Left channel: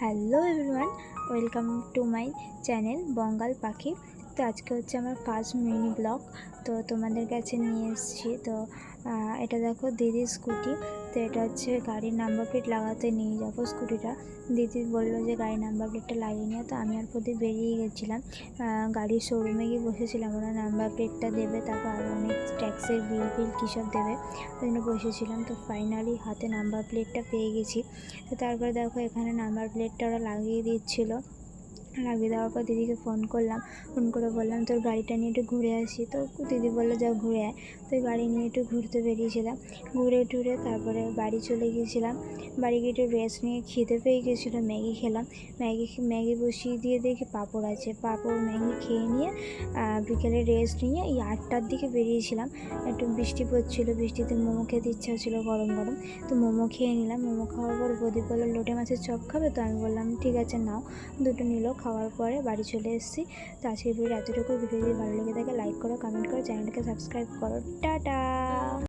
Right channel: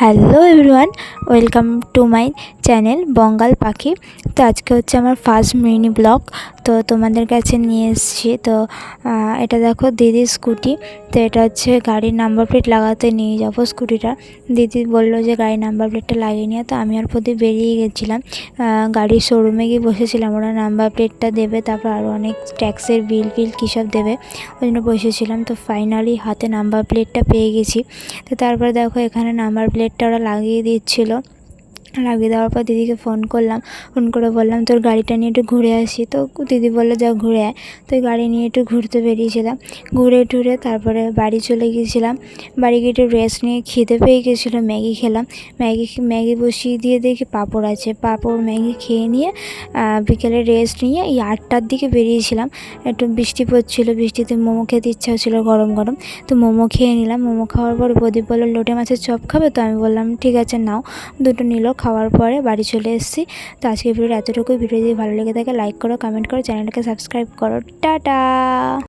Hello everyone, welcome to my channel Bangal Pakhi. তো আজকে হচ্ছে আমার ফার্স্ট মিনি ব্লগ। তো তোমাদের কাছে নিয়ে এসেছি। তো এটা দেখো দিদির স্কুটি। তো এটা হচ্ছে গাড়ির নাম্বার প্লেট লাগাতে নিয়ে যাবো স্কুটিটা। দিদি বললো যে গাড়ির নাম্বার প্লেটটা লাগিয়ে নিয়ে। তো আমি আর প্রদীপ বেরিয়ে গেছিলাম, গাড়ির শোরুমে গিয়ে বসেছিলাম। ওরা নাম্বার প্লেটটা দেবে, তারপর আরও অনেক ট্যাক্সের বিল কী সব দেবে, ওই জন্য বসেছিলাম। তো ফাইনালি হাতে নাম্বার প্লেটটা পেয়ে গেছি। তো তারপরে দেখো এখানে নাম্বার প্লেটটা ওরা লাগিয়ে দিচ্ছিলো। লাগিয়ে দেওয়ার পর দিদিকে ফোন করলাম, ফোন করে বললাম তোর গাড়িটা নিয়ে একটু ঘুরে আসি। তো দিদি বললো যাও ঘুরে আয়। তো গাড়ি নিয়ে একটু ঘুরতে বেরিয়েছিলাম। ঘুরে টুরে তারপরে বাড়ি চলে গিয়েছিলাম। বাড়ি গিয়ে একটু রেস্ট নিয়ে খিদে পেয়ে গেছিলো, ম্যাগি খেলাম। ম্যাগি বসিয়ে দিয়ে দেখি পাঁপড় আছে, পাঁপড় ম্যাগি খেয়ে নিয়ে বিকেলে রেস্ট নিয়ে এই 8টার দিকে বেরিয়েছিলাম। একটু বৃষ্টি পড়ছিলো, বৃষ্টিতে মোমো খেতে ইচ্ছা হচ্ছিলো গরম গরম। তো মোমো খেয়ে নিলাম। মোমো খাওয়ার পর প্রদীপ বললো লোটে মাছের চপ খাবে। তো আমি বললাম ঠিক আছে নাও। দুটো নিল। খাওয়ার পরে বাড়ি চলে এসেছি। তো আজকের ভিডিওটা এতটুকুই। ভিডিও যদি ভালো লেগে থাকে লাইক করো, কমেন্ট করো, চ্যানেলটাকে সাবস্ক্রাইব করো। টাটা।